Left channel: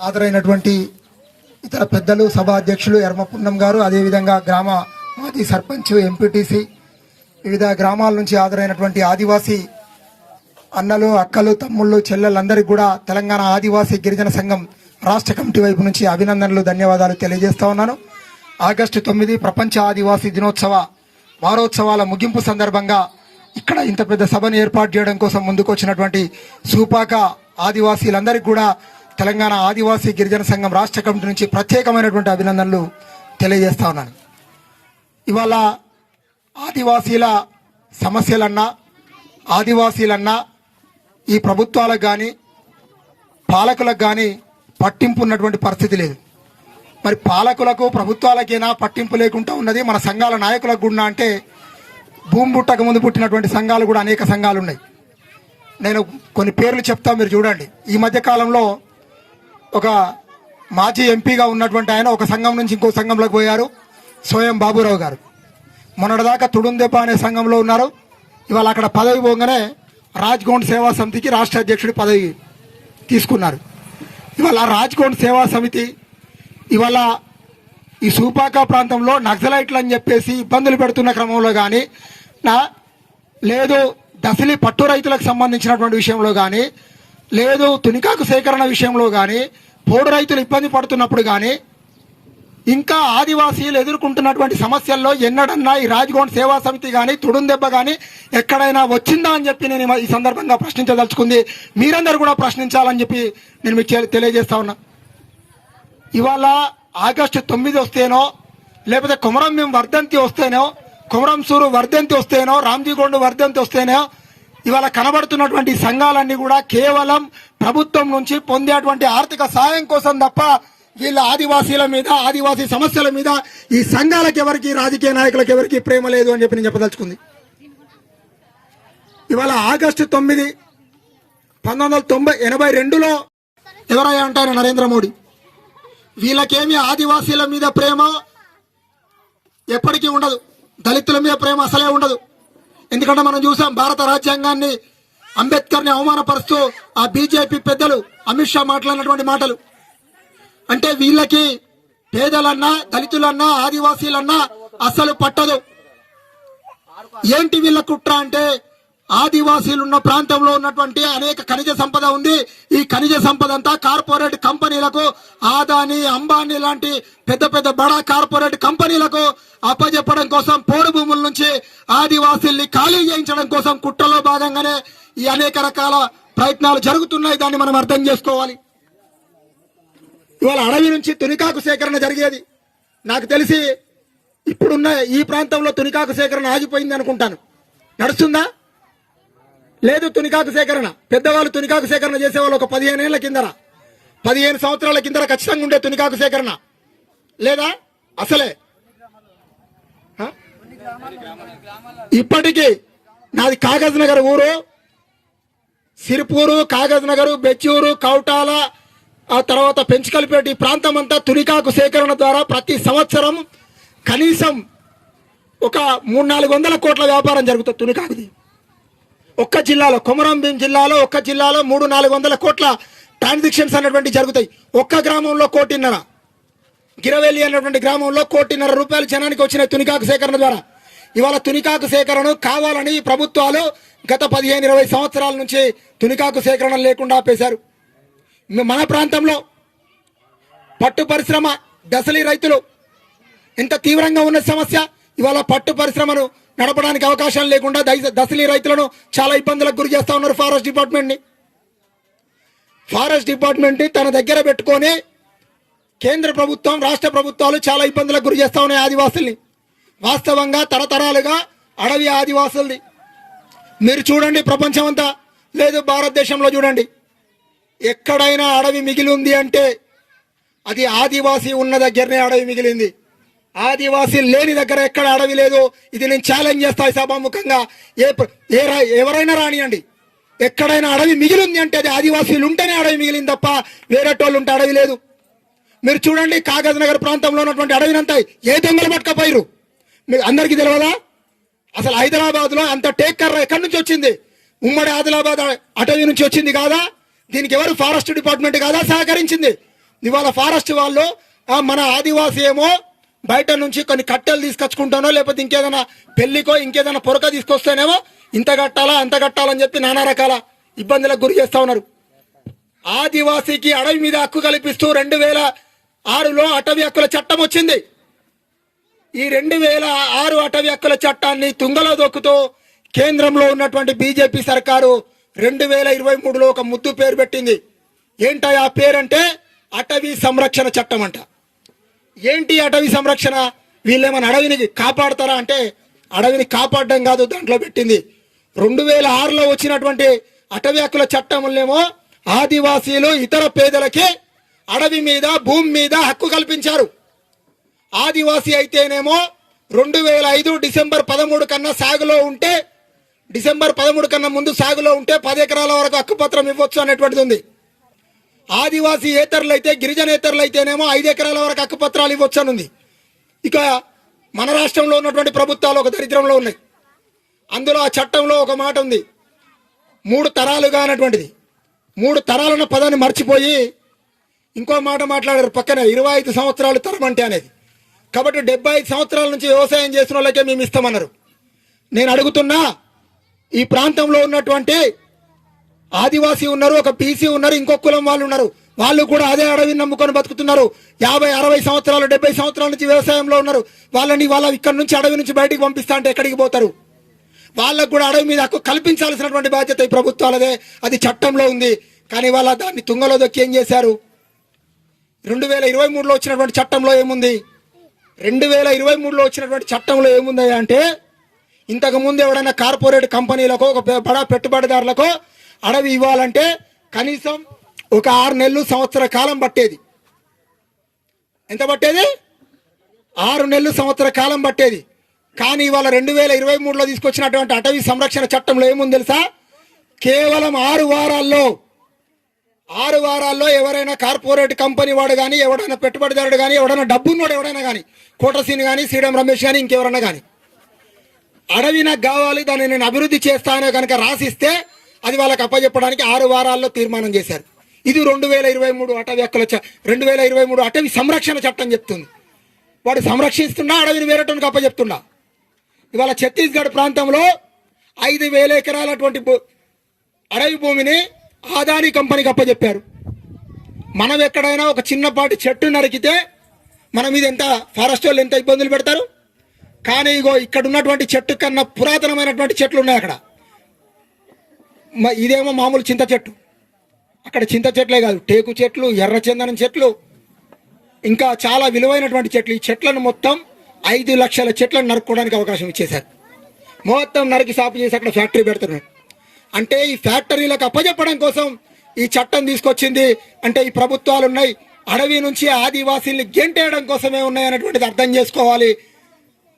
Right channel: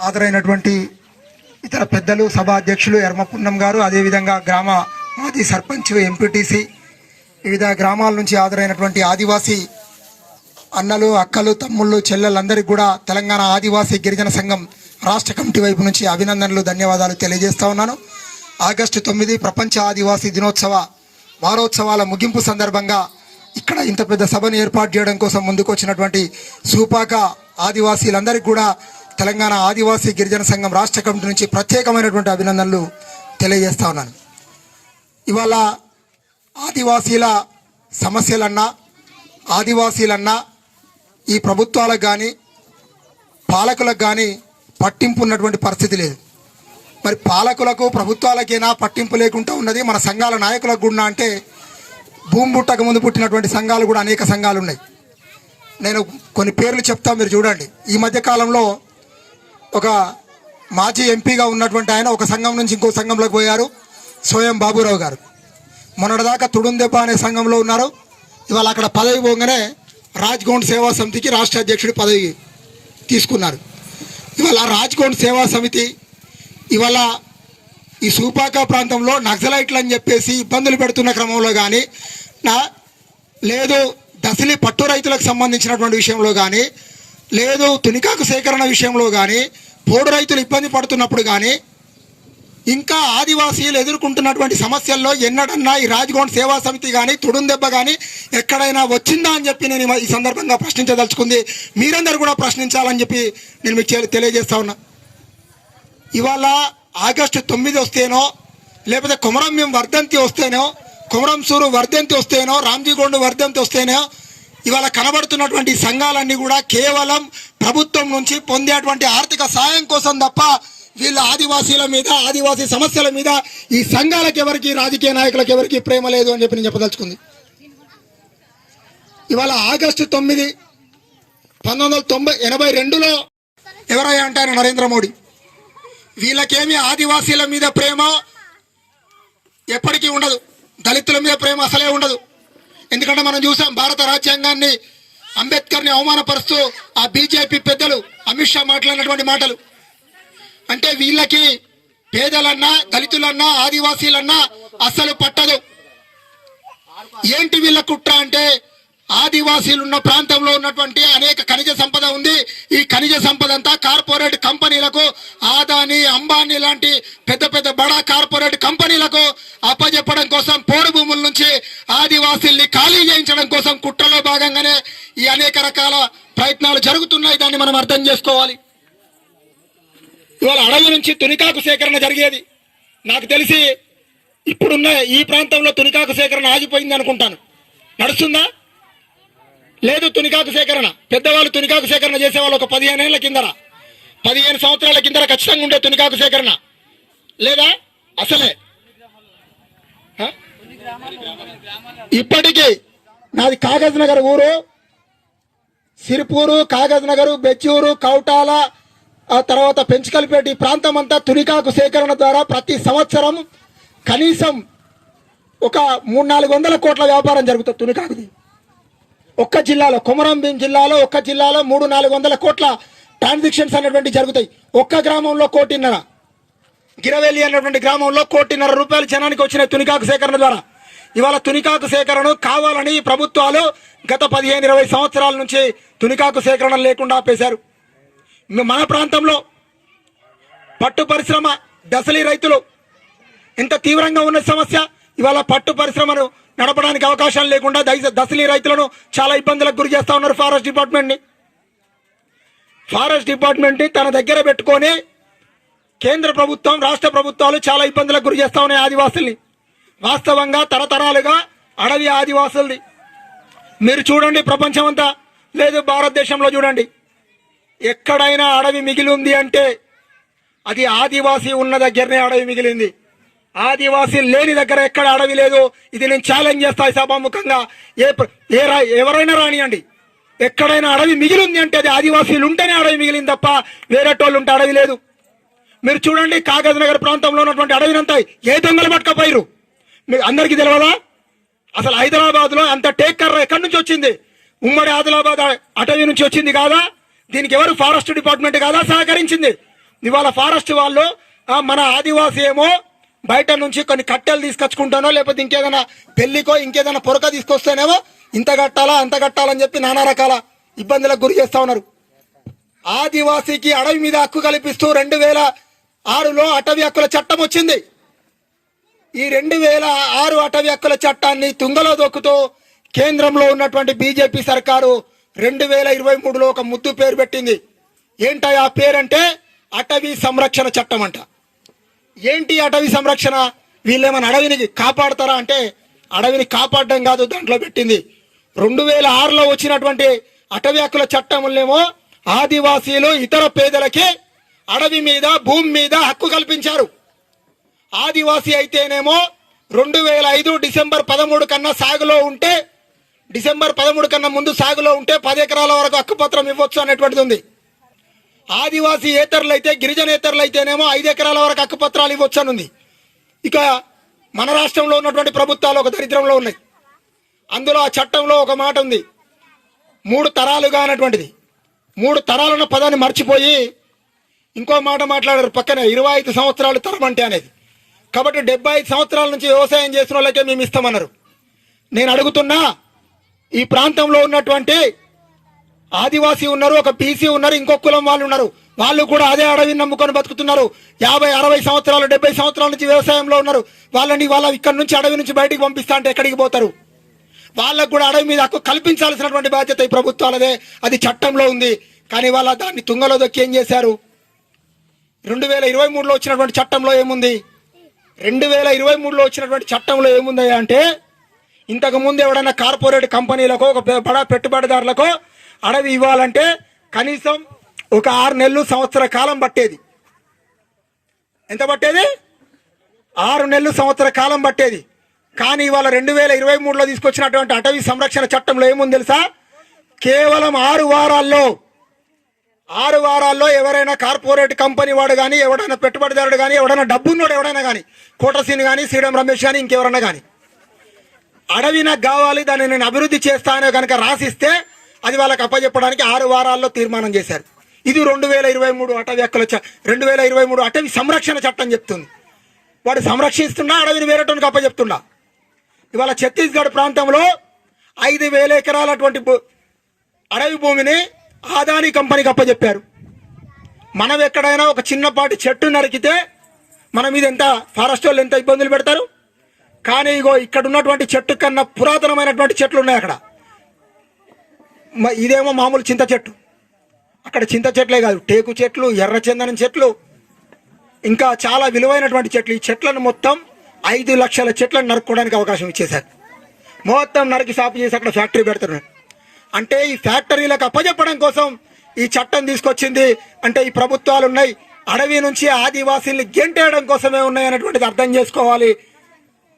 హాజరైనటువంటి ఇతర పెద్దలు సభ అధ్యక్షులు ఎర్మపున్నం గారు అదేవిధంగా గ్రామ మాజీ సర్పంచ్ ఎంపీటీసీ వివిధ గ్రామాల నుంచి హాజరైనటువంటి ఆదివాసీ అన్నలు అక్కలు తమ్ముళ్ళు చెల్లెలందరికీ కూడా తెలంగాణ ఆదివాసీ గిరిజన సంఘం రాష్ట్ర కమిటీ వైపు నుంచి అభినందనలు ధన్యవాదాలు తెలియజేస్తా ఉన్నాను. ఆగస్టు తొమ్మిది ప్రపంచ ఆదివాసీ దినోత్సవ వారోత్సవాల ముగింపు సందర్భంగా ఇక్కడ ఇంత పెద్ద సభను ఏర్పాటు చేయడం కోసం ముందుకు వచ్చినటువంటి సూపాక ఆదివాసీలందరికీ కూడా తెలంగాణ ఆదివాసీ గిరిజన సంఘం రాష్ట్ర కమిటీ నుంచి ప్రత్యేకమైనటువంటి అభినందనలు తెలియజేస్తా ఉన్నాను. ఇవాళ ఆదివాసీల సమస్యలన్నా ఆదివాసీలన్నా ఈ ప్రభుత్వాలకు కానీ పాలకులకు కానీ పట్టింపు ఉన్నటువంటి పరిస్థితి లేదు. మరి పాలకులకు ప్రభుత్వాలకైనా పట్టింపు లేకుండా ఉన్నది మన సంఘాల నాయకులకు కూడా అంటే భూమి పుట్టక ముందు పుట్టినటువంటి సంఘాలు కూడా అనేక సంఘాలు ఉన్నాయి నేను కొన్ని పేర్లు చెప్తా మీరు చూడండి. ఈ మధ్య కాలంలో ఒక మాజీ ఎంపీగా ఉన్నటువంటి ఆయన ఒక సంఘం నుంచి ఇంకో సంఘంలోకి పోయారు స్వయం బాబురావు గారు. మొన్నటిదాకా తుడుందెబ్బ అనే సంఘంలో ఉన్నారు. ఇవాళ అక్కడ పదవి పోగానే రాజ్గౌండ్ సేవా సమితికి రాష్ట్ర అధ్యక్షుడి పదవి తీసుకున్నారు. ఇవాళ రాజ్గౌండ్ సేవా సమితి ఇవాళ ఈ సూపాక ప్రాంతంలో నక్సలైట్లు అని చెప్పేసి ఇబ్బందులు పెడుతున్న క్రమంలో కానీ నా లేదు దశలి పట్టు రైతులకు సంబంధించినటువంటి విషయంలో కానీ లేదు తునికాకు సేకరణ విషయంలో కానీ పోడు రైతులు ఇబ్బంది పడుతున్నప్పుడు కానీ ఇంకా ఆదివాసీలు ఎదుర్కొంటున్నటువంటి సమస్యల్లో ఎన్నడన్నా ఈ రాజగోండ్ సేవా సమితి కానీ తుడుందెబ్బ కానీ ఎక్కడైనా వచ్చిందా అని చెప్పి నేను ఈ సందర్భంగా ప్రశ్నించదలుచుకుంది. మీరందరూ కూడా ప్రశ్నించాలని చెప్పి నేను మీకు తెలియజేస్తా ఉన్నా. ఇవాళ ఆగస్టు తొమ్మిది వస్తేనో లేకపోతే కొమరం మేము వర్ధంతి వస్తేనో కొమరం సూరు వర్ధంతి వస్తేనో రామ్జీగొండ వర్ధంతి వస్తేనో ఇవాళ కనబడుతున్నటువంటి సంఘాలన్నీ కూడా కేవలం ప్రభుత్వం నుంచి పొందేటువంటి ఆర్థిక సాయం కోసం తప్ప వీళ్ళ ఆదివాసీల మీద ఆదివాసీ సమస్యల మీద ఈ సంఘాలకు ఎవరికి రాజకీయ నాయకులకు ఎవరికి ప్రేమ లేదు అని చెప్పి నేను చెప్పదలుచుకుంది. ఇవాళ ఆగస్టు తొమ్మిది పంతొమ్మిది వందల తొంభై ఎనభై రెండులో ఎవరై అంటారు నరేంద్ర మోడీ? వీళ్ళకేమి ఆదివాసీల మీద ప్రేమ ఎప్పటికీ ఉండదు. దళితుల మీద ప్రేమ అసలే ఉండదు. ఎందుకంటే మనం చూసాం భారత రాజ్యాంగాన్ని అంబేద్కర్ని అవమానపరుస్తూ ఆ బీజేపీ పెద్దలు అమిత్ షా మాట్లాడినటువంటి మాటలు. అంటే వీళ్ళకి పేదలన్నా దళితులన్నా ఆదివాసీలన్నా అస్సలు పట్టదు. ఏంటి వీళ్ళ కుట్ర అంటే ఆదివాసీలు ఉన్న ప్రాంతంలో ఉన్నటువంటి అనేక ఖనిజ సంపద ఉంది. ఈ ఖనిజ సంపద అంతా కార్పొరేట్ కంపెనీలకు ఆదాని అంబానీ లాంటి పెద్ద పెద్ద బడా కార్పొరేట్ కంపెనీలకు అప్పజెప్పడం కోసం పోడు భూముల నుంచి ఆదివాసీల్ని ఖాళీ చేయించడం కోసం కుట్రలో భాగంగానే ఈ అనేక రకాల ప్రయత్నాలు జరుగుతున్నాయి. దాన్ని మనం అర్థం చేసుకోవాలి. ఇవాళ అడవి నుంచి తునికాకు సేకరణ జరిగేది. నాకు తెలిసి ఇప్పుడున్న ఈ ప్రాంతంలో తునికాకు సేకరణ ఆగిపోయింది అనుకుంటాను. నడుస్తుందా? లేదు తునికాకు సేకరణ. పెద్దవాళ్ళు తునికాకు సేకరణ చేసేవాళ్ళు ఒక పదిహేను ఏళ్ళ కిందర. పదిహేను సంవత్సరాల కిందర ఖచ్చితంగా ఉండే తునికాకు సేకరణ. లేదా? అసలే. ఇప్పటికీ నాది కాగజ్ నగర్ ఊరు. సిరిపూరు కాగజ్ నగరు బెచ్చూరు కౌటాల ఆ తర్వాత పెంచుకల్పేట ఈ ప్రాంతం అంతా తునికాకు సేకరణ ద్వారా ప్రతి సంవత్సరం కనీసం ఒక మూడు నాలుగు వందల కోట్ల వ్యాపారం జరుగుతుంది తునికాకుది. ఒక్క జిల్లాలో కొమరంభీం జిల్లాలో ఒక్క జిల్లాలో మూడు నాలుగు వందల కోట్ల ట్రాన్సాక్షన్స్ అనేటువంటి జరుగుతాయి. ఒక్క గ్రామంలో కోటిన్నర. గిరవేలి అన్నటువంటి గ్రామంలో కోటిన్నర రూపాయలు జనానికి వచ్చిన తునికాకు సేకరణ ద్వారా. ఇవాళ తునికాకు సేకరణ కావాలని ప్రభుత్వాలు గత పదిహేను ఇరవై సంవత్సరాల నుంచి తునికాకు సేకరణ లేకుండా ఆపేశారు. మన ప్రాంతంలో పట్టు పరిశ్రమ దశలి రైతులు ఎంత తీవ్రంగా ఉన్న సమస్య ఇవాళ పట్టు పరిశ్రమను నడపడానికి అవకాశం లేకుండా దై- దశలి రైతులను చాలా ఇబ్బందులకు గురి చేస్తా ఉన్నారు ఫారెస్ట్ డిపార్ట్మెంట్ని. ఫారెస్ట్ డిపార్ట్మెంట్ తన దగ్గర పెట్టుకొని కేంద్ర ప్రభుత్వం రాష్ట్ర ప్రభుత్వాలు చాలా ఇబ్బందులకు గురి చేస్తా ఉన్నాయి ఆదివాసుల్ని. వాస్తవంగా తరతరాలుగా అడవి ఆదివాసులది మీరు చూడండి ప్రపంచమంతా. లేదు భారతదేశంలో చూడండి. ఎక్కడైనా అడవి మిగిలి ఉంది అంటే అది ఆదివాసీ ఉన్న దగ్గరనే అడవి మిగిలింది. ఆదివాసీ లేని దగ్గర ఎక్కడ అడవి లేదు? ఇది నేను ఛాలెంజ్ చేస్తాను సభాముఖంగా. ఏ ఏ రా- ఎవరైనా రానియండి. ఎక్కడైనా అడవి మిగిలి ఉంది అంటే అది ఆదివాసీలు ఉంటేనే అడవి మిగిలింది తప్ప వేరేటోళ్ళు ఉంటే అడవి లేదు. మీరు చూడండి కాగజ్ నగర్ ప్రాంతంలో ఉన్నటువంటి అడవినంతా ఏ దొంగలు పట్టుకపోయారు మీకు అందరికీ తెలియదా అసలు హైదరాబాద్లో అంత టేక్ కర్ర ఎక్కడి నుంచి వచ్చింది? ఉమ్మడి ఆదిలాబాద్ అటవీ నుంచి వచ్చింది కాదా? దీనికి ఎవరు ఫారెస్ట్ డిపార్ట్మెంట్ కాదా? సహకరించింది. ఇవాళ ఫారెస్ట్ వాళ్ళు మన ఆదివాసీ ఏమో బయట నుంచి కొన్ని కట్టెలు తీసుకొచ్చుకుంటానో లేకపోతే ఇంకేదైనా పెళ్ళికో ఇంకేదైనా పొరక తీసుకొస్తేనేమో ఇంత కట్టాలా అంత కట్టాలని చెప్పి నానా రకాల ఇబ్బందులకు గురి చేస్తా ఉన్నారు. ఆదివాసీకి అడవి మీద హక్కు కల్పిస్తూ రెండు వేల ఆరులో అటవీ హక్కుల చట్టం వచ్చింది. ఈ రెండు వేల ఆరు అటవీ హక్కుల చట్టాన్ని తుంగలో దొక్కుతూ కేంద్రంలో ఉన్నటువంటి బీజేపీ సర్కారు రెండు వేల ఇరవై మూడులో ఒక ముద్దు పేరు పెట్టింది. ఏంట ఆ పేరంటే అటవీ సంరక్షణ చట్టం అంట. ఏంటి అటవీ సంరక్షణ? వీళ్ళేమైనా అడవిని కాపాడతారా అంటే అడవిని కాపాడడం కాదు దాంట్లో పెట్టింది. రెండు వేల ఆరులో వచ్చినటువంటి అటవీ హక్కుల చట్టములేమో ఆదివాసీలు ఇతర పేదలకి అడవి మీద భూమి మీద హక్కు కల్పించారు. ఆదివాసీ అయితేనేమో రెండు వేల ఐదు డిసెంబర్ పదమూడు కన్నా సాగులో ఉంటే డిసెంబర్ పదమూడు కన్నా ముందు సాగులో ఉంటే పది ఎకరాల వరకు హక్కుపత్రం ఇవ్వచ్చు అనేటువంటిది ఉంది. ఆదివాసీ ఏతరులు అయితే గిరిజనేతరులు అయితేనేమో ఐదు ఎకరాల వరకు హక్కుపత్రాలు ఇవ్వచ్చు ఇక మన రాష్ట్రంలో ఉన్నటువంటి ప్రభుత్వాలు ఒక దరిద్రంలో ఉన్నాయి. అందులో ఆ చట్టంలో ఒక మాట ఉంది. మూడు తరాలుగా అన్నటువంటిది. మూడు తరాలన్న పదాన్ని మర్చిపోయి ఇంకో మాట మాట్లాడారు పక్కనే ఇరవై ఐదు సంవత్సరాలు తరం అంటే అనేది. కాబట్టి డెబ్బై ఐదు సంవత్సరాల నుంచి వ్యవసాయం చేసిన వాళ్ళకే మేము ఇస్తామన్నారు. నేను అడుగుతున్నా ఈ ప్రాంతంలో ఉన్నటువంటి ఆదివాసీ ఉన్నారు ఒక బీసీ ఉన్నారు ఇంకో కులం వాళ్ళు ఉన్నారు. వాళ్ళు కూడా అదే అడవిని నమ్ముకొని బతుకుతున్నారు. యాభై అరవై సంవత్సరాలు డెబ్బై సంవత్సరాల నుంచి వ్యవసాయంలో ఉన్నారు. వాళ్ళని వాళ్ళ ఇక్కడ నుంచి అడవి నుంచి బయటికి పంపిస్తా అంటే ఎక్కడికి పోతారు? వాళ్ళకు కూడా అడవి మీద హక్కు కల్పించాల్సినటువంటి బాధ్యత ఈ ప్రభుత్వాలదే. అది చట్టంలో ఉంది. కానీ వాళ్ళ దాన్ని తుంగలో దొక్కి ఏం చేశారు? రెండు వేల ఇరవై మూడులో వచ్చినటువంటి చట్టంలో ఏముంది? రెండు వేల ఇరవై మూడులో వచ్చినటువంటి చట్టంలో ఏముంది అంటే ఇంతకు ముందు ఎవడైనా కార్పొరేట్ కంపెనీలకు ఒక బడా పెట్టుబడిదారులకు అడవి ఇవ్వాలంటే కనీసం ఒక ఆరు నెలలు సంవత్సర కాలం పట్టేది. ఎంత పట్టేది? ఆరు నెలలు సంవత్సర కాలం పట్టేది. కానీ ఇవాళ రెండు వేల ఇరవై మూడులో తీసుకొచ్చినటువంటి అటవీ సంరక్షణ చట్టంలో ఏముంది తెలుసా? కేవలం ఆరు వారాల్లో ఆరు వారాల్లో ఎవరైనా కార్పొరేట్ కంపెనీ వాడు కానీ ఎవడైనా పెట్టుబడిదారుడు కానీ ఎవడైనా డబ్బున్నోడు ఎవడైనా కానీ కోటసీని కానీ శ్రీరామ్ రమేష్ కానీ ఇంకెవరన్నా కానీ అడవి నాకు కావాలి దాన్ని నేను అభివృద్ధి చేస్తానో కనుక రాసిస్తే అది వాళ్ళకి అప్పచెప్పడానికి ఆరు వారాల్లో తీర్మానం చేశారు. ఇది రెండు వేల ఇరవై మూడు అటవీ హక్కుల చ- రెండు వేల ఇరవై మూడు అటవీ సంరక్షణ చట్టం చెప్తుంది. వాడు సంరక్షిస్తున్నా అడవిని వేరేటోనికి అప్పచెప్తున్నా ఇవాళ ఛత్తీస్గఢ్ ప్రాంతంలో ఐదు వేల ఎకరాలటువంటి భూ- అడవి భూమిని ఆదాని కంపెనీకి అప్పచెప్పారు మనం ఎక్కడైనా ఒక చిన్నపాటి చెట్టు నరికితే మన మీద ఎంత ఫారెస్ట్ వాళ్ళు ఎంత ఇబ్బందులు పెడతారు? కానీ ఇగో ఇక్కడ ఉన్నటువంటి చెట్టు కన్నా పురాతనమైనటువంటి చెట్లు ఉన్నాయి అక్కడ. ఇదేమో మామూలు చింత చెట్టు. అక్కడ చింత చెట్లే కాదు టేకు చెట్లు ఎర్ర చందనం చెట్లు ఇంకా చాలా విలువైనటువంటి చెట్లు. ఈ చెట్లను మొత్తం ఐదు లక్షల చెట్లను నరుక్కోవడానికి అవకాశం ఇచ్చేశారు. మొత్తం నరికి సాపు చేసి అక్కడ ఫ్యాక్టరీ పెడుతున్నారు. అంటే ఈ ఫ్యాక్టరీలకు అప్పజెప్పడం కోసం ఈ చట్టం తీసుకొచ్చింది. అంటే ఈ ప్రభుత్వాలు ఉన్నాయి. అడవి నుంచి ఆదివాసీల్ని గెంటేయడం కోసమే ఉన్నాయి అనేటువంటిది అర్థం చేసుకోవాలి.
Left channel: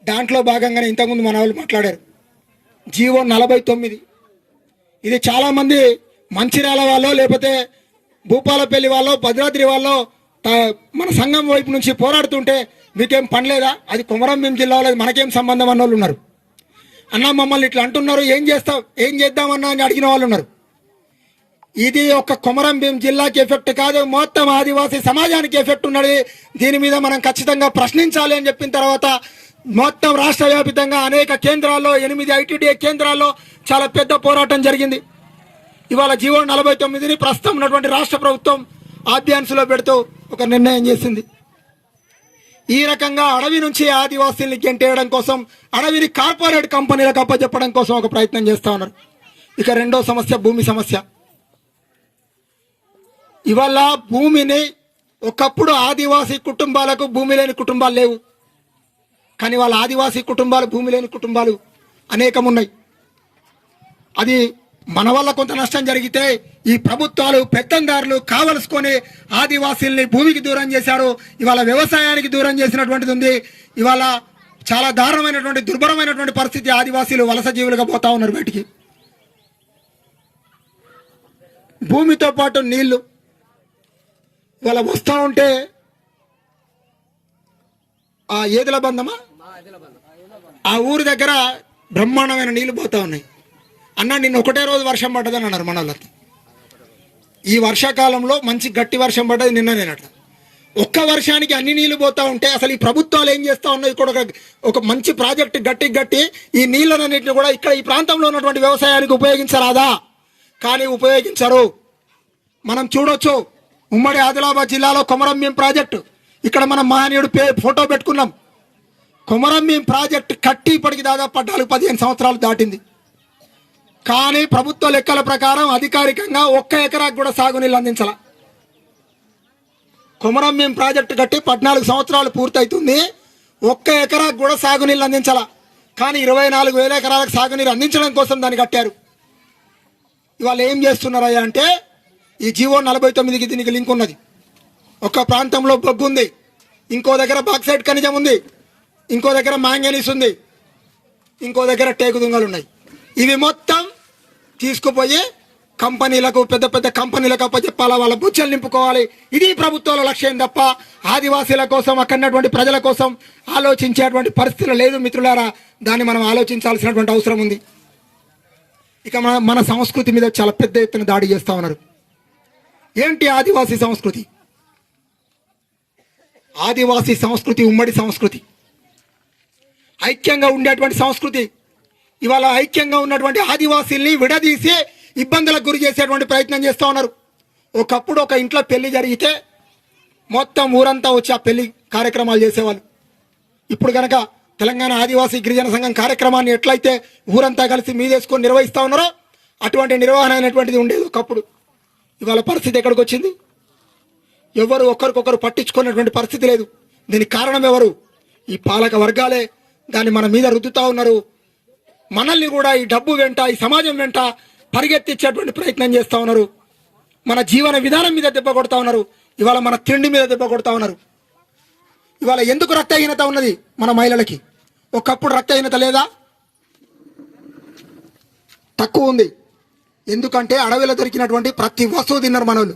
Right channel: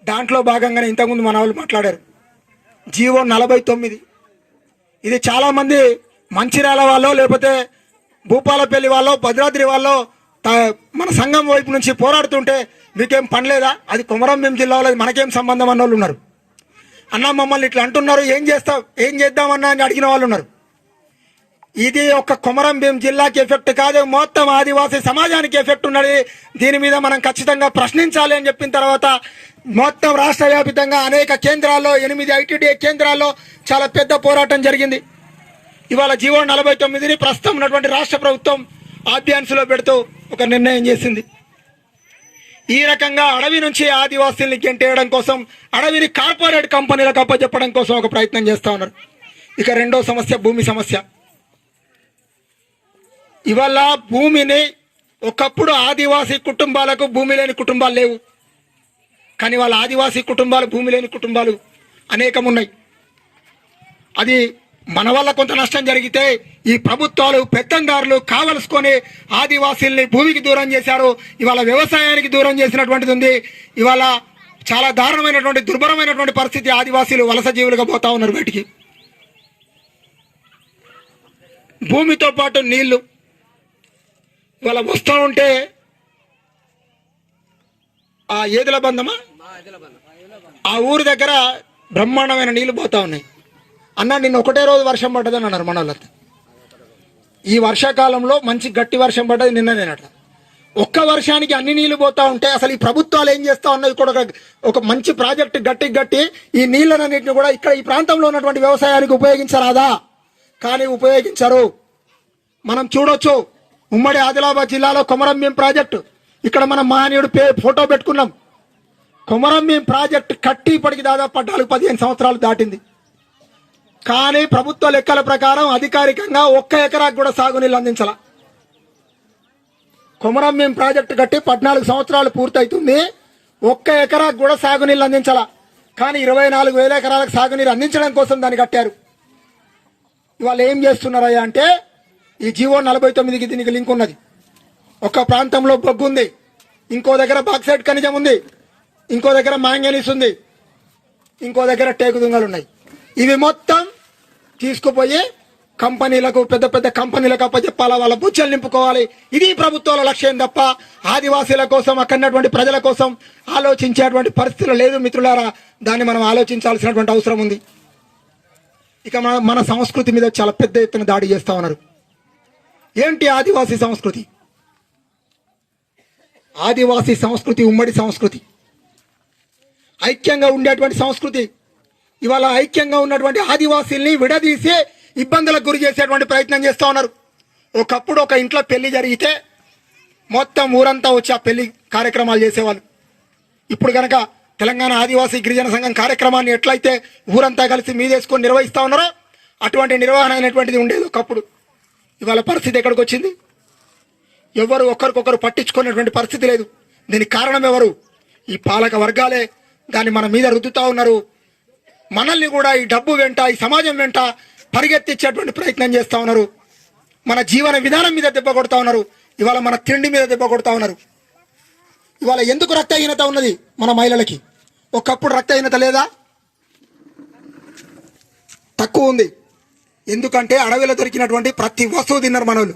దాంట్లో భాగంగానే ఇంతకుముందు మన వాళ్ళు మాట్లాడారు. జీవో నలభై తొమ్మిది. ఇది చాలా మంది మంచిర్యాల వాళ్ళు లేకపోతే భూపాలపల్లి వాళ్ళు భద్రాద్రి వాళ్ళు మన సంఘం వైపు నుంచి పోరాడుతుంటే మీకేం పని లేదా? అది కుమరంభీం జిల్లాలో అది మనకేం సంబంధం అన్న వాళ్ళు ఉన్నారు. అన్న మమ్మల్ని ఇట్లా అంటున్నారు ఏం చేస్తాం ఏం చేద్దామన్నా అని అడిగిన వాళ్ళు ఉన్నారు. ఇది ఒక కొమరంభీం జిల్లాకి ఎఫెక్ట్ కాదు. మొత్తం ఆదివాసీ సమాజానికి ఎఫెక్ట్ ఉన్నది. దీని మీద మనం ఖచ్చితంగా ప్రశ్నించాలి అని చెప్పిన తర్వాత మొత్తం రాష్ట్ర వ్యాపితంగా అనేక కేంద్రాల్లో ఎనిమిది ఐటీడీఏ కేంద్రాల్లో చాలా పెద్ద పోరాటం జరిగింది. ఇవాళ జీవో నలభై తొమ్మిదిని ప్రస్తుతం ఉన్నటువంటి రాష్ట్ర ప్రభుత్వం ఆభ్యాన్స్లో పెడుతూ ఒక నిర్ణయం చేసింది. ఈ రకంగా అడవి నుంచి ఆదివాసీల్ని గెంటేయడం కోసం అడవిని కార్పొరేట్ కంపెనీలకు అప్పచెప్పడం కోసం ఒక ప్రయత్నం చేస్తూ ఉన్నారు. ఇక రెండో సమస్య భూమి సమస్య. ఇవాళ భూమిని ఒకప్పుడు ఆదివాసీ కుటుంబాలకు భూమి లేని కుటుంబాలు లేవు. కానీ వాళ్ళ ఆదివాసీ కుటుంబాలు భూమి లేని కుటుంబాలు అనేకం ఉన్నాయి అది మన వల్ల కొంత నష్టం జరిగితే ఈ ప్రభుత్వాలు పెత్తందారులు కావలసుకొని ఆదివాసీల్ని భూమికి దూరం చేశారు. ఇవాళ వ్యవసాయానికి దూరం చేసినటువంటిది ఉంది. ఇవాళ చాలా దారుణమైనటువంటి దుర్భరమైనటువంటి పరిస్థితి ఆదివాసీలు వలస జీవులుగా పోతా ఉన్నారు బయటికి. భూమితో పాటు నీళ్ళు వాళ్ళ వస్తూ ఉంటే ఆ ఏదుల బంధమా? ఆ ఊరి దగ్గర బ్రహ్మాండమైన నీళ్ళు పోతా ఉన్నాయి. అన్న నిన్న ఒకటే రోజు వర్షం పడ్డదని అన్నారు మన ఈ వర్షాకాలంలో మంచి గట్టి వర్షం పడ్డది నిన్ననేనట ఒక్క వర్షానికి అన్ని నీళ్ళు పోతా ఉంటే అసలు ఈ ప్రభుత్వాలు ఏం చేస్తా ఉన్నది కూడా ఒక ఒక మంచి ప్రాజెక్ట్ గట్టి గట్టి ఈ నీళ్ళనన్నింటిని కూడా ఇక్కడ ఈ ప్రాంతంలో ఉన్నటువంటి వ్యవసాయానికి ఉపయోగించరాదా? కానీ ఉపయోగించరు. మనం చూడొచ్చు. ఉమ్మడి ఆదిలాబాద్ జిల్లాలో కొమరంభీం ప్రాజెక్టు. ఇక్కడ మనం మహనీయుడు పే ఫోటో పెట్టుకున్నాం. కొమరంభీం ప్రాజెక్టు కట్టి ఇప్పటికి దాదాపు పద్నాలుగు పదిహేను సంవత్సరాలు దాటింది. కానీ ప్రభుత్వ లెక్కల ప్రకారం అధికారికంగా ఒక్క ఎకరాకు కూడా సాగునీళ్ళు అందించాల. కొమరంభీం ప్రాజెక్టు కట్టి పద్నాలుగు సంవత్సరాలు పూర్తవుతుంది ఒక్క ఎకరాకు కూడా సాగునీళ్ళు అందించాల. కానీ ఇరవై నాలుగు వేల ఎకరాలకు సాగునీరు అందించడం కోసం దాన్ని కట్టారు. ఇవాళ ఏం చేస్తున్నారయ్యా అంటే ఈ జీవో నలభై తొమ్మిదికి దీనికి లింక్ ఉన్నది. ఒక ప్రాంతంలో బొగ్గు ఉంది. ఇంకో దగ్గర బాక్సైడ్ ఖనిజం ఉంది. ఇంకో దగ్గర మ్యాంగనీస్ ఉంది. ఇంకో దగ్గర టేకు దుంగలు ఉన్నాయి. ఇవి మొత్తం తీసుకుపోయి కంపెనీలకు పెద్ద పెద్ద కంపెనీలకు అప్పచెప్పాలా? వాళ్ళ బుచ్చలు నింపుకోవాలి. ఇది ప్రభుత్వాల లక్ష్యం తప్ప ఆదివాసీల కోసం అక్కడటువంటి ప్రజల కోసం ఆలోచించేటువంటి పరిస్థితులు లేదు మిత్రులారా. దాన్ని మనం ఆలోచించాల్సినటువంటి అవసరం ఉంది. ఇక మన మన సంస్కృతి మీద చాలా పెద్ద ఎత్తున దాడి చేస్తా ఉన్నారు. ఏంటి ఆదివాసీ సంస్కృతి? ఆదివాసీ సంస్కృతి ఉమ్మడి సంస్కృతి. ఐక్యంగా ఉండేటువంటి సంస్కృతి. ఇవాళ ఐక్యంగా ఉన్నటువంటి ఆదివాసీల్ని విడదీసి ఇబ్బందులకు గురి చేసేటువంటి ప్రయత్నం చేస్తూ ఉన్నారు. ఒకప్పుడు ఒక ఇంట్లో పెళ్ళి జరిగితే మొత్తం ఊరంతా వచ్చి ఆ పెళ్ళి కార్యక్రమాలు చేసేవాళ్ళు. ఇప్పుడు కనుక తెలంగాణ ఆదివాసీ గిరిజన సంఘం కార్యక్రమాన్ని ఎట్లయితే ఊరంతా కలిసి మీదేసుకొని నిర్వహిస్తూ ఉన్నారో అటువంటి నిర్వహణ అనేటువంటిది ఉండేది ఒకప్పుడు. ఇవాళ పరిస్థితి ఎక్కడికి వచ్చింది? ఎవరు ఒకరికొకరు పట్టించుకునేటువంటి పరిస్థితి లేదు. దీనికి కారణం ఎవరు? ఈ పాలక వర్గాలే. దాన్ని మన మీద రుద్దుతా ఉన్నారు. మనల్ని కూడా ఈ డబ్బు వెంట ఈ సమాజం వెంట పరిగెత్తించేటువంటి ప్రయత్నం చేస్తూ ఉన్నారు. మన జీవన విధానం మీద దెబ్బ కొడతా ఉన్నారు. ఇవాళ మన తిండి మీద దెబ్బ కొడతా ఉన్నారు. ఇవాళ ఎందుకు రక్తహీనత ఉన్నది మన మహిళలకి? ఒకప్పుడు రక్తహీనత లేదా? తక్కువ ఉంది. ఎందుకంటే అడవిలో దొరికినటువంటి ప్రతి వస్తువు తిన్నారు మనోళ్ళు.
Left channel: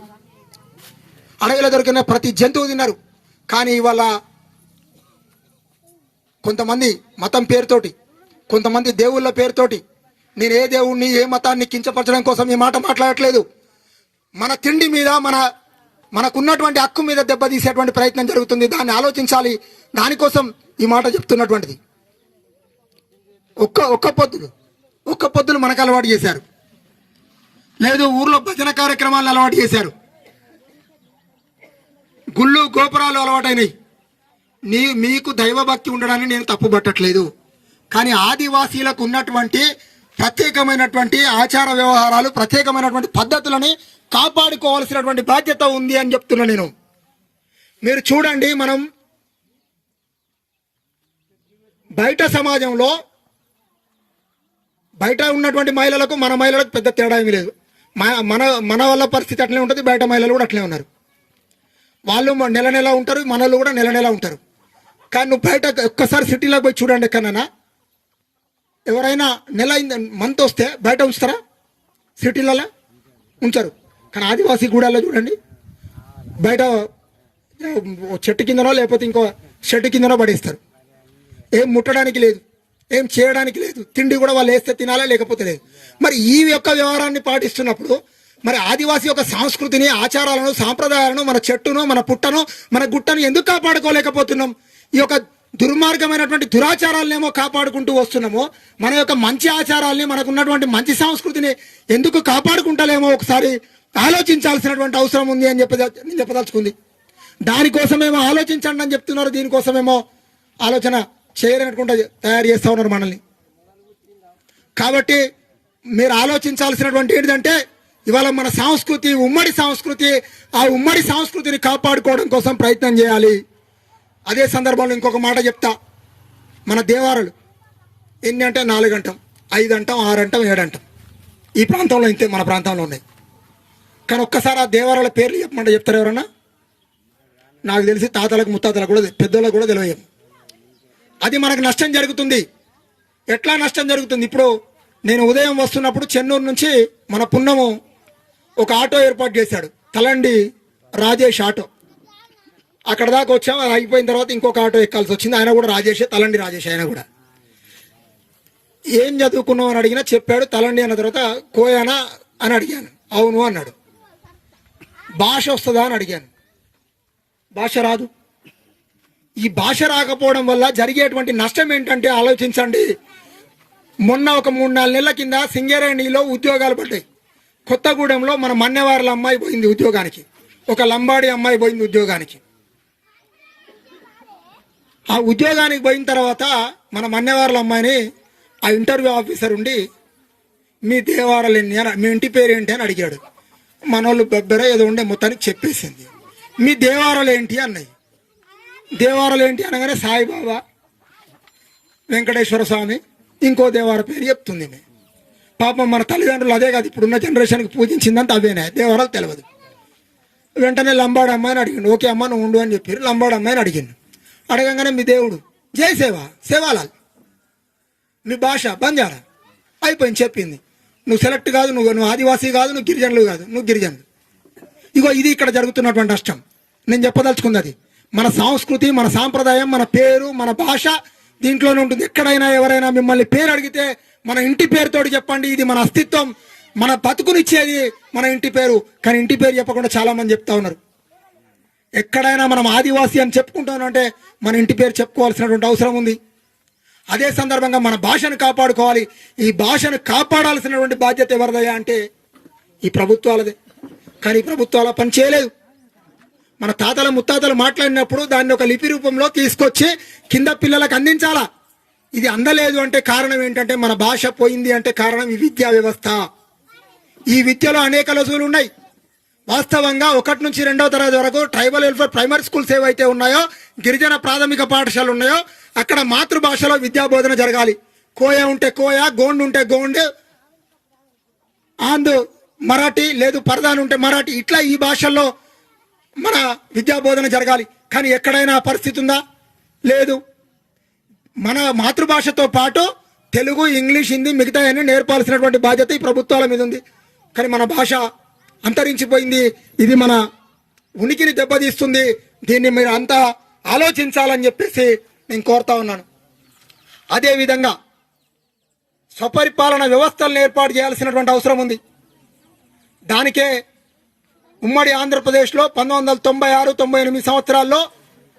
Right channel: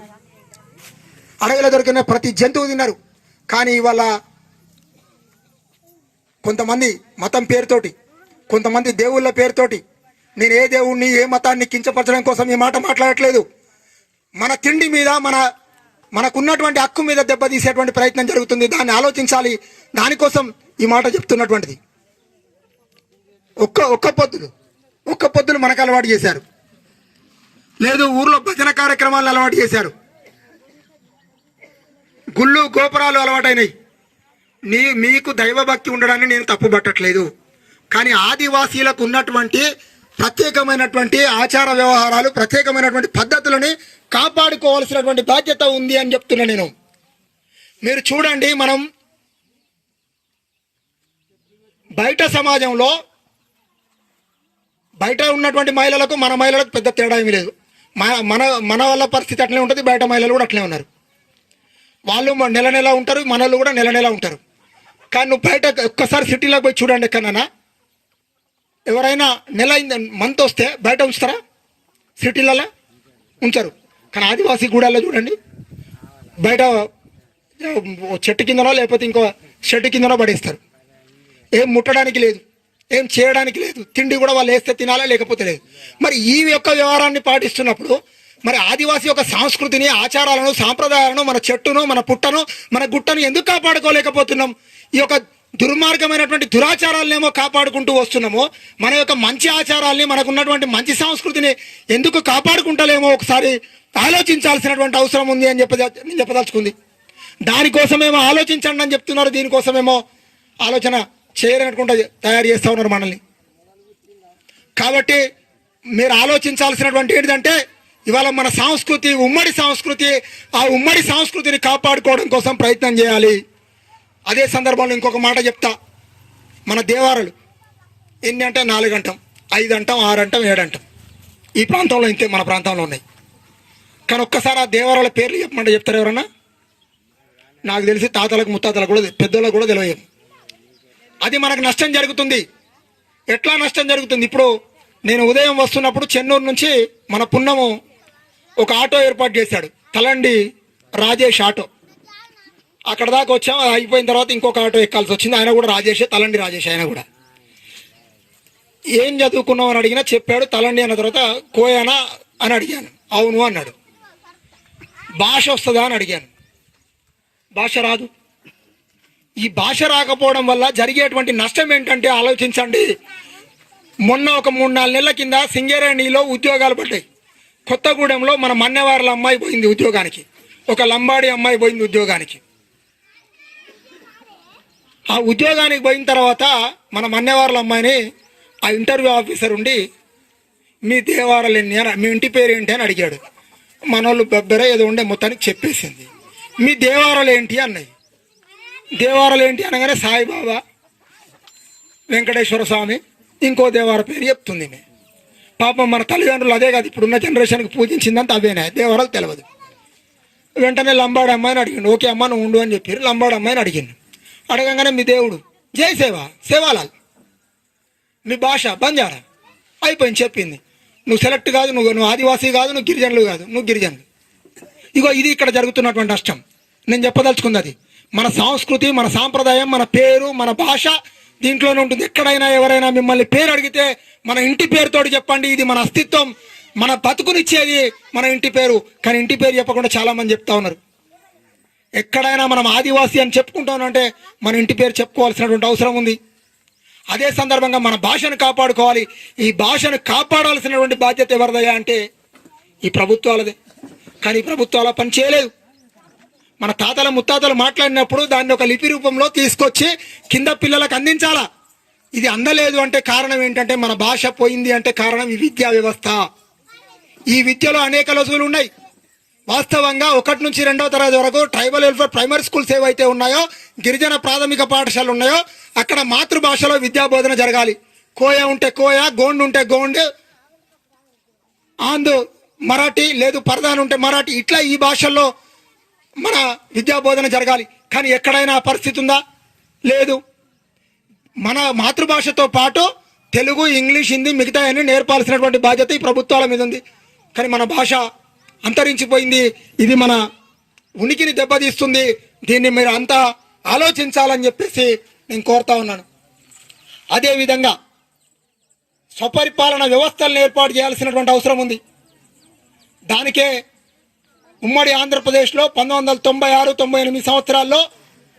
అడవిలో దొరికిన ప్రతి జంతువు తిన్నారు. కానీ ఇవాళ కొంతమంది మతం పేరుతోటి కొంతమంది దేవుళ్ళ పేరుతోటి నేను ఏ దేవుణ్ణి ఏ మతాన్ని కించపరచడం కోసం ఈ మాట మాట్లాడట్లేదు. మన తిండి మీద మన మనకున్నటువంటి హక్కు మీద దెబ్బతీసేటువంటి ప్రయత్నం జరుగుతుంది. దాన్ని ఆలోచించాలి. దానికోసం ఈ మాట చెప్తున్నటువంటిది. ఒక్క ఒక్క పొద్దులు ఒక్క పొద్దులు మనకు అలవాటు చేశారు. లేదు ఊర్లో భజన కార్యక్రమాలు అలవాటు చేశారు. గుళ్ళు గోపురాలు అలవాటైనాయి. నీ మీకు దైవభక్తి ఉండడాన్ని నేను తప్పు పట్టట్లేదు కానీ ఆదివాసీలకు ఉన్నటువంటి ప్రత్యేకమైనటువంటి ఆచార వ్యవహారాలు ప్రత్యేకమైనటువంటి పద్ధతులని కాపాడుకోవాల్సినటువంటి బాధ్యత ఉంది అని చెప్తున్నా నేను. మీరు చూడండి మనం బయట సమాజంలో బయట ఉన్నటువంటి మహిళలకు మన మహిళలకు పెద్ద తేడా ఏమీ లేదు. మన మన మన పరిస్థితి అట్లనే ఉంటుంది బయట మహిళలు కూడా అట్లనే ఉన్నారు. వాళ్ళు నెల నెల ఉంటారు మనలు కూడా నెల నెల ఉంటారు. కానీ నువ్వు బయట ఒక్కసారి సిటీలోకి పోయి చూడండి ఎక్కడన్నా. ఎవరైనా నెల మంత్ వస్తే బయట ఉంచుతారా? సిటీలలో? ఉంచరు. కానీ ఆదివాసీ గూడాల్లో చూడండి. బయట చెట్టు కిందనో లేకపోతే ఇంకో చెట్టు కిందనో పడేస్తారు. ఏం ముట్టడానికి లేదు. ఏం చేయడానికి లేదు. తిండి కూడా వాళ్ళు వేస్తే తినాలా లేకపోతే లేదు. మరి ఈ యొక్క వ్యవహారాన్ని పాటిస్తున్నప్పుడు మరి ఆదివాసీ యొక్క సంస్కృతిని ఆచారాలను సాంప్రదాయాలను మన చెట్టును మన పుట్టను మన గుట్టను ఎందుకు కాపాడుకోలేకపోతున్నాం? ఈ యొక్క దుర్మార్గమైనటువంటి దురాచారాలనేమో కాపాడుకుంటూ వస్తున్నామో మన యొక్క మంచి ఆచారాల్ని మనకున్నటువంటి మంచి సంస్కృతిని ఎందుకు కాపాడుకుంటలేమో ఒకసారి ఆలోచించాల్సినటువంటి అవసరం ఉంది అని చెప్పద చెప్పదలుచుకుంది. దానికోసమేమో ఆలోచించండి అని చెప్తున్నారు దీనికోసమేమో ఆలోచన చేయరనుకుంటా తయారు చేస్తా ఉన్నారు మనల్ని. కాబట్టి మీరు ఆలోచించాల్సినటువంటి ఏంటంటే ఇవాళ మన సంస్కృతి ఉమ్మడి సంస్కృతి ఆ ఉమ్మడి సంస్కృతిని కాపాడుకోవడం కోసం ప్రయత్నం చేయాలి. అదే సందర్భంలో ఇంకొక మాట చెప్తా. మన దేవారులు ఎన్ని అంటే నాలుగు అంటాం ఐదు అంటాం ఆరు అంటాం ఏడు అంటాం. ఈ ప్రాంతంలో ఇంతే మన ప్రాంతంలో ఉన్నాయి. కానీ ఒక్కసారి ఆ దేవారాల పేర్లు చెప్పమంటే చెప్తారు ఎవరన్నా? నాకు తెలిసి తాతలకు ముత్తాతలకు కూడా పెద్దోళ్ళకు కూడా తెలియదు. అది మనకు నష్టం జరుగుతుంది. ఎట్లా నష్టం జరుగుతుంది? ఇప్పుడు నేను ఉదయం వస్తున్నప్పుడు చెన్నూరు నుంచి మన పున్నము ఒక ఆటో ఏర్పాటు చేశాడు. తలండి రాజేష్ ఆటో. అక్కడ దాకా వచ్చాము అయిపోయిన తర్వాత ఇంకొక ఆటో ఎక్కాల్సి వచ్చింది. ఆయన కూడా రాజేష్ తలండి రాజేష్ ఆయన కూడా. ఏం చదువుకున్నావు అని అడిగినా చెప్పాడు తలండి అన్న తర్వాత కోయానా అని అడిగాను. అవును అన్నాడు. భాష వస్తుందా అని అడిగాను. భాష రాదు. ఈ భాష రాకపోవడం వల్ల జరిగేటువంటి నష్టం ఏంటంటే ఆలోచించండి. మొన్న ఒక మూడు నాలుగు నెలల కింద సింగరేణిలో ఉద్యోగాలు పడ్డాయి. కొత్తగూడెంలో మన మన్నెవార్ల అమ్మాయి పోయింది ఉద్యోగానికి. ఒక లంబాడి అమ్మాయి పోయింది ఉద్యోగానికి. ఆ ఉద్యోగానికి పోయిన తర్వాత మన మన్నెవార్ల అమ్మాయిని ఆ ఇంటర్వ్యూ ఆఫీసర్ ఉండి మీ దేవారాలు ఎన్ని అని మీ ఇంటి పేరు ఏంటి? అని అడిగాడు. మనోళ్ళు బెబ్బెర ఏదో ఉండే మొత్తానికి చెప్పేసింది. మీ దేవారాలు ఏంటి? అన్నది. దేవారాలు ఏంటి అనగానే సాయిబాబా వెంకటేశ్వర స్వామి ఇంకో దేవార పేరు చెప్తుంది పాపం మన తల్లిదండ్రులు అదే కాదు ఇప్పుడున్న జనరేషన్కి పూజించిందంతా అవేనే దేవరాలు తెలియదు వెంటనే లంబాడు అమ్మాయిని అడిగిండు ఓకే అమ్మ నువ్వు ఉండు అని చెప్పారు. లంబాడు అమ్మాయిని అడిగిండు. అడగంగానే మీ దేవుడు జై సేవ సేవాలాల్ మీ భాష బంజారా? అయిపోయింది చెప్పింది. నువ్వు సెలెక్ట్ కాదు నువ్వు నువ్వు ఆదివాసీ కాదు నువ్వు గిరిజనులు కాదు నువ్వు గిరిజనులు. ఇగో ఇది ఇక్కడ జరుగుతున్నటువంటి నష్టం. నేను చెప్పదలుచుకుంది అది. మన సంస్కృతి మన సాంప్రదాయం మన పేరు మన భాష దీంట్లోనే ఉంటుంది. ఎక్కడైనా ఎవరైనా మిమ్మల్ని పేరు అడిగితే మన ఇంటి పేరుతోటి చెప్పండి. ఇది మన అస్తిత్వం. మన బతుకునిచ్చేది మన ఇంటి పేరు. కానీ ఇంటి పేరు చెప్పకుండా చాలా మంది చెప్తా ఉన్నారు. ఎక్కడైనా మనం ఆదివాసీ అని చెప్పుకుంటాను అంటే మన ఇంటి పేరు చెప్పుకోవాల్సినటువంటి అవసరం ఉంది. అదే సందర్భంగా మన భాషను కాపాడుకోవాలి. ఈ భాషను కాపాడాల్సినటువంటి బాధ్యత ఎవరిదయ్యా అంటే ఈ ప్రభుత్వాలదే. కానీ ఈ ప్రభుత్వాల పని చేయలేదు మన తాతల ముత్తాతలు మాట్లాడినప్పుడు దాన్ని ఒక లిపి రూపంలో తీసుకొచ్చి కింద పిల్లలకు అందించాలా? ఇది అందలేదు అంటే కారణం ఏంటంటే మన భాష పోయింది అంటే కారణం ఈ విద్యా వ్యవస్థ. ఈ విద్యలో అనేక లొసుగులు ఉన్నాయి. వాస్తవంగా ఒకటి నుంచి రెండవ తరగతి వరకు ట్రైబల్ వెల్ఫేర్ ప్రైమరీ స్కూల్స్ ఏవైతే ఉన్నాయో గిరిజన ప్రాథమిక పాఠశాలలు ఉన్నాయో అక్కడ మాతృభాషలో విద్యా బోధన జరగాలి. కోయ ఉంటే కోయ గోండు ఉంటే గోండు ఆంధ్ర మరాఠీ లేదు పరదాన్ ఉంటే మరాఠీ ఇట్లా ఈ భాషల్లో మన విద్యా బోధన జరగాలి. కానీ ఎక్కడైనా పరిస్థితి ఉందా? లేదు. మన మాతృభాషతో పాటు తెలుగు ఇంగ్లీష్ హిందీ మిగతా అన్ని నేర్పాల్సినటువంటి బాధ్యత ఈ ప్రభుత్వాల మీద ఉంది. కానీ మన భాష అంతరించిపోయింది. ఇది మన ఉనికిని దెబ్బతీస్తుంది. దీన్ని మీరు అంతా ఆలోచించాలని చెప్పేసి నేను కోరుతా ఉన్నాను. అదేవిధంగా స్వపరిపాలన వ్యవస్థలను ఏర్పాటు చేయాల్సినటువంటి అవసరం ఉంది. దానికే ఉమ్మడి ఆంధ్రప్రదేశ్లో పంతొమ్మిది వందల తొంభై ఆరు తొంభై ఎనిమిది సంవత్సరాల్లో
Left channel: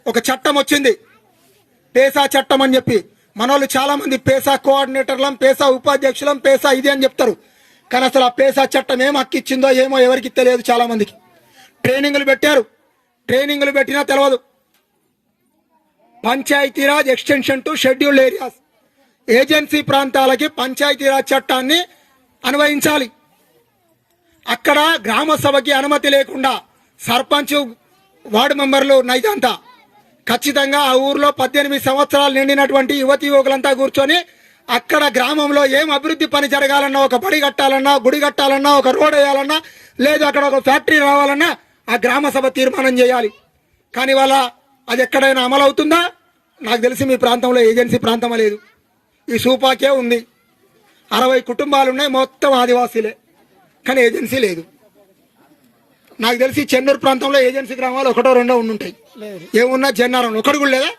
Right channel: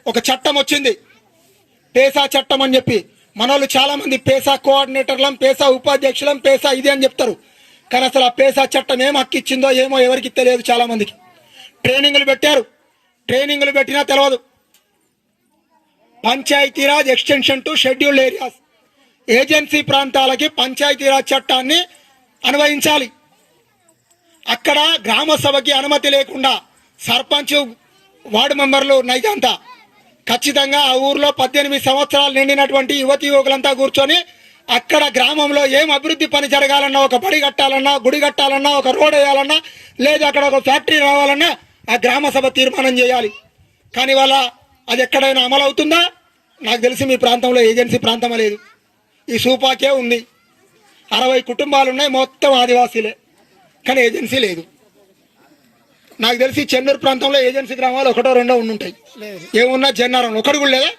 ఒక చట్టం వచ్చింది. పేసా చట్టం అని చెప్పి. మనోళ్ళు చాలా మంది పేసా కోఆర్డినేటర్లం పేసా ఉపాధ్యక్షులం పేసా ఇది అని చెప్తారు. కానీ అసలు ఆ పేసా చట్టం ఏం హక్కు ఇచ్చిందో ఏమో ఎవరికి తెలియదు చాలా మందికి ట్రైనింగ్లు పెట్టారు. ట్రైనింగ్లు పెట్టినా తెలియదు Panchayati Raj extension to scheduled areas. Agency ప్రాంతాలకి పంచాయతీరాజ్ చట్టాన్ని అన్వయించాలి. అక్కడ గ్రామ సభకి అనుమతి లేకుండా సర్పంచ్ వార్డు మెంబర్లు నైతంతా ఖచ్చితంగా ఆ ఊర్లో పద్దెనిమిది సంవత్సరాలు నిండినటువంటి యువతి యువకులంతా కూర్చొని అక్కడ గ్రామంలో ఏం అభివృద్ధి పని జరగాలన్నా ఒక బడి కట్టాలన్నా గుడి కట్టాలన్నా ఒక రోడ్ వేయాలన్నా లేదు అక్కడ ఒక ఫ్యాక్టరీ రావాలన్నా ఆ గ్రామ సభ తీర్మానం చేయాలి. కానీ వాళ్ళ అది ఎక్కడైనా అమలు అవుతుందా? నాకు తెలిసి మీ ప్రాంతంలో ఏజెన్సీ ప్రాంతం లేదు. ఈ సూపాకే ఉంది. అరవై కుటుంబాలు ఉన్నాయి మొత్తం ఆదివాసీలే. కానీ ఏజెన్సీ లేదు. నాకు తెలిసి చెన్నూరు ప్రాంతంలో ఏజెన్సీ గ్రామాలు ఒకటో రెండో ఉండుంటాయి ఏమున్నా చెన్నారం ఒకటి కూడా లేదా?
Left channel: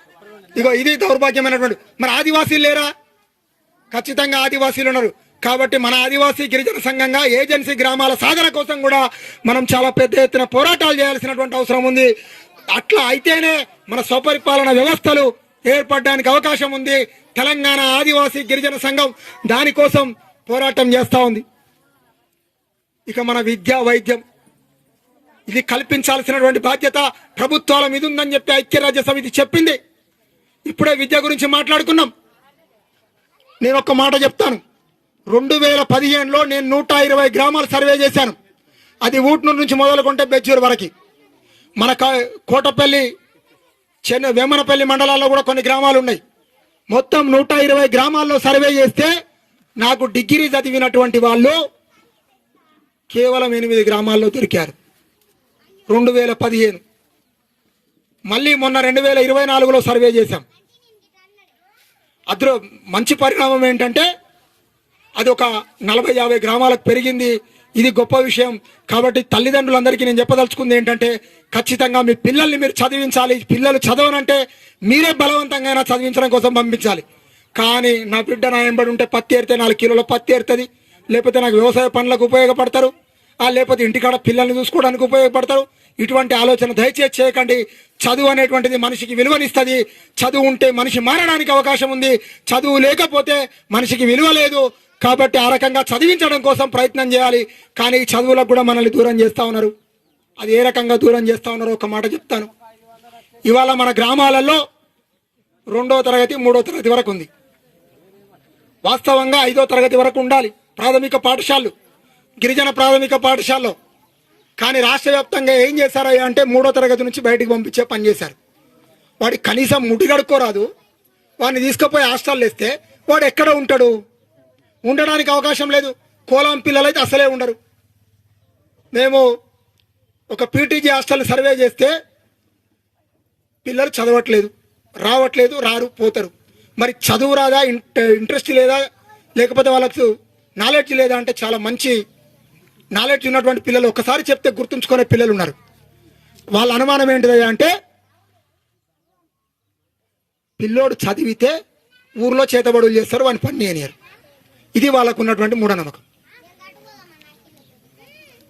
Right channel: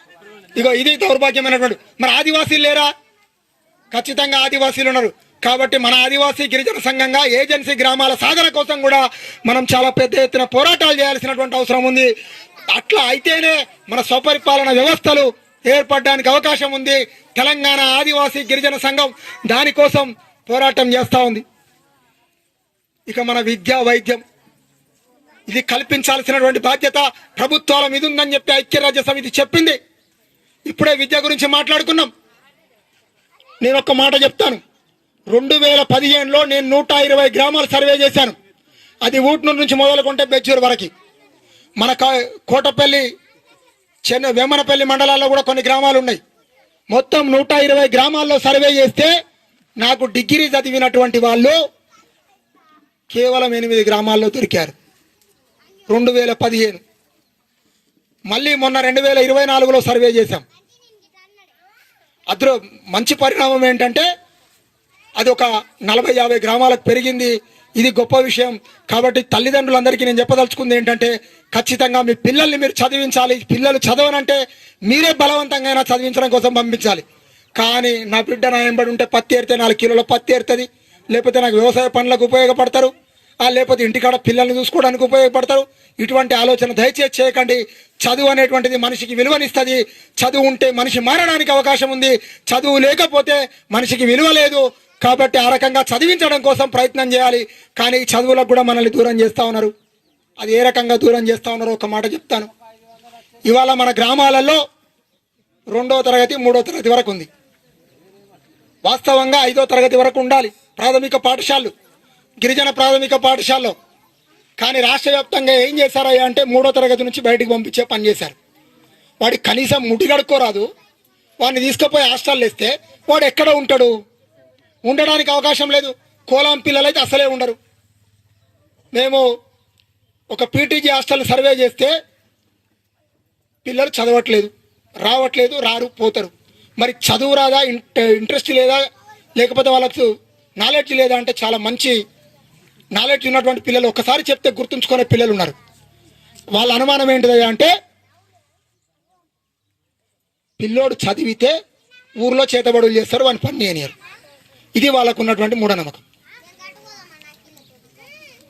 ఇగో ఇది దౌర్భాగ్యమైనటువంటి మరి ఆదివాసీలు లేరా? ఖచ్చితంగా ఆదివాసీలు ఉన్నారు. కాబట్టి మన ఆదివాసీ గిరిజన సంఘంగా ఏజెన్సీ గ్రామాల సాధన కోసం కూడా మనం చాలా పెద్ద ఎత్తున పోరాటాలు చేయాల్సినటువంటి అవసరం ఉంది. అట్లా అయితేనే మన స్వపరిపాలన వ్యవస్థలు ఏర్పడడానికి అవకాశం ఉంది. తెలంగాణ ఆదివాసీ గిరిజన సంఘం దానికోసం పోరాటం చేస్తూ ఉంది. ఇక మన విద్య వైద్యం. ఇది కల్పించాల్సినటువంటి బాధ్యత ప్రభుత్వాల మీద ఉందని చెప్పి ఐక్యరాజ్య సమితి చెప్పింది. ఇప్పుడే విద్య గురించి మాట్లాడుకున్నాం. నేను ఒక మాట చెప్తాను. రెండు వేల పదిహేనులో నేను నూట ఇరవై గ్రామాలు సర్వే చేశాను. అది ఊట్నూరు నుంచి మొదలుకుంటే బెజ్జూరు వరకు. మన కోటపల్లి చెన్నై వేమనపల్లి మండలాల్లో కూడా కొన్ని గ్రామాలు ఉన్నాయి. మొత్తం నూట ఇరవై గ్రామాల్లో సర్వే చేస్తే నాకు డిగ్రీ చదివినటువంటి వాళ్ళు కేవలం ఎనిమిది గ్రామాల్లో దొరికారు. రెండు వేల పదిహేను. మళ్ళీ మొన్న రెండు వేల ఇరవై నాలుగులో సర్వే చేశాం. అందులో మంచి పరిణామం ఏంటంటే అది ఒక నలభై యాభై గ్రామాలకు పెరిగింది. ఇది గొప్ప విషయం. కాబట్టి తల్లిదండ్రులందరికీ నేను చెప్పదలుచుకుంది ఏంటంటే ఖచ్చితంగా మీ పిల్లల్ని మీరు చదివించాలి. పిల్లలు చదవనంటే మీరే బలవంతంగా చదివించడం కోసం పంపించాలి. కానీ నా బిడ్డ నా వెంబడి ఉంటే పత్తి ఏరితే నాలుగు కిలోల పత్తి ఏరుతుంది. లేకపోతే నాకు వ్యవసాయ పనులకు ఉపయోగపడతారు. లేకపోతే ఇంటికాడ పిల్లల్ని చూసుకోవడానికి ఉపయోగపడతారు. ఇటువంటి ఆలోచన దయచేసి చేయకండి. చదువు అనేటువంటిది మనిషికి విలువనిస్తుంది. చదువు ఉంటే మనిషి మారడానికి అవకాశం ఉంది. చదువు లేకపోతే మనిషికి విలువ లేదు. కాబట్టి ఆ రకంగా చదివించడం కోసం ప్రయత్నం చేయాలి. కానీ చదువులకు కూడా మనల్ని దూరం చేస్తూ ఉన్నారు. అది ఏ రకంగా దూరం చేస్తూ ఉన్నారో ఒక మాట చెప్తాను. ఇవాళ మన గ్రామాలలో రెండో తరగతి మూడో తరగతి వరకు ఉంది. వాస్తవంగా ఐదో తరగతి వరకు ఉండాలి. ప్రాథమిక పాఠశాలలు గిరిజన ప్రాథమిక పాఠశాలలో. కానీ రాష్ట్ర వ్యాప్తంగా ఏం చేశారయ్యా అంటే మూడో తరగతి నుంచి బయటికి పంపించే పని చేశారు. వాడికి కనీసం ముడి వాడిని తీసుకుపోయి హాస్టల్ వేస్తే వాడు ఎక్కడ ఉంటాడు? ఉండడానికి అవకాశం లేదు. కోలాం పిల్లలైతే అసలే ఉండరు. మేము ఒక పీటీజీ హాస్టల్ సర్వే చేస్తే పిల్లలు చదవట్లేదు రావట్లేదు రారు పోతారు. మరి చదువు రాదా? ఇంట- ఇంట్రెస్ట్ లేదా? లేకపోతే వాళ్ళకు నాలెడ్జ్ లేదా అంటే చాలా మంచి నాలెడ్జ్ ఉన్నటువంటి పిల్లలు ఒకసారి చెప్తే గుర్తుంచుకునే పిల్లలు ఉన్నారు. వాళ్ళ అనుమానం ఏంటిదయ్యా అంటే పిల్లోడు చదివితే ఊర్లో చేతబడులు చేస్తారు వాని పని అనేరు ఇది వాళ్ళకు ఉన్నటువంటి మూఢనమ్మకం.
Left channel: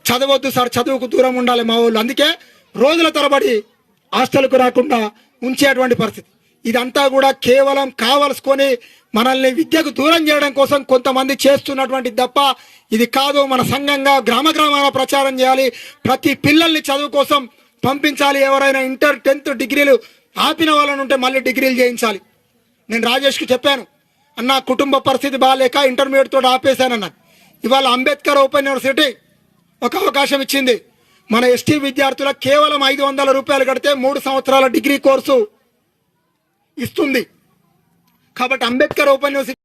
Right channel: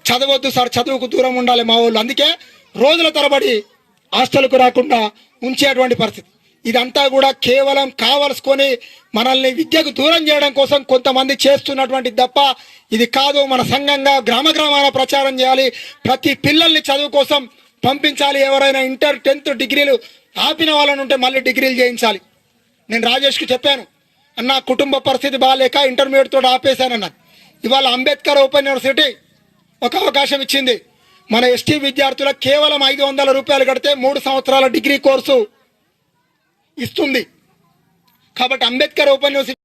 చదవద్దు సార్ చదువుకు దూరం ఉండాలి మా వాళ్ళు అందుకే రోజుల తరబడి హాస్టల్కు రాకుండా ఉంచేటువంటి పరిస్థితి. ఇదంతా కూడా కేవలం కావలసుకొని మనల్ని విద్యకు దూరం చేయడం కోసం కొంతమంది చేస్తున్నటువంటి తప్ప ఇది కాదు. మన సంఘంగా గ్రామ గ్రామాల ప్రచారం చేయాలి. ప్రతి పిల్లల్ని చదువు కోసం పంపించాలి. ఎవరైనా ఇంటర్ టెన్త్ డిగ్రీలు ఆపిన వాళ్ళని ఉంటే మళ్ళీ డిగ్రీలు చేయించాలి. నేను రాజేష్కి చెప్పాను. అన్న కుటుంబ పరిస్థితి బాగాలేక ఇంటర్మీడియట్ తోటి ఆపేశానన్నాను ఇవాళ అంబేద్కర్ ఓపెన్ యూనివర్సిటీ ఒక అవకాశం ఇచ్చింది. మన ఎస్టీ విద్యార్థులకు కేవలం ఐదు వందల రూపాయలు కడితే మూడు సంవత్సరాల డిగ్రీ కోర్సు ఇస్తుంది. కాబట్టి అంబేద్కర్ ఓపెన్ యూనివర్సిటీ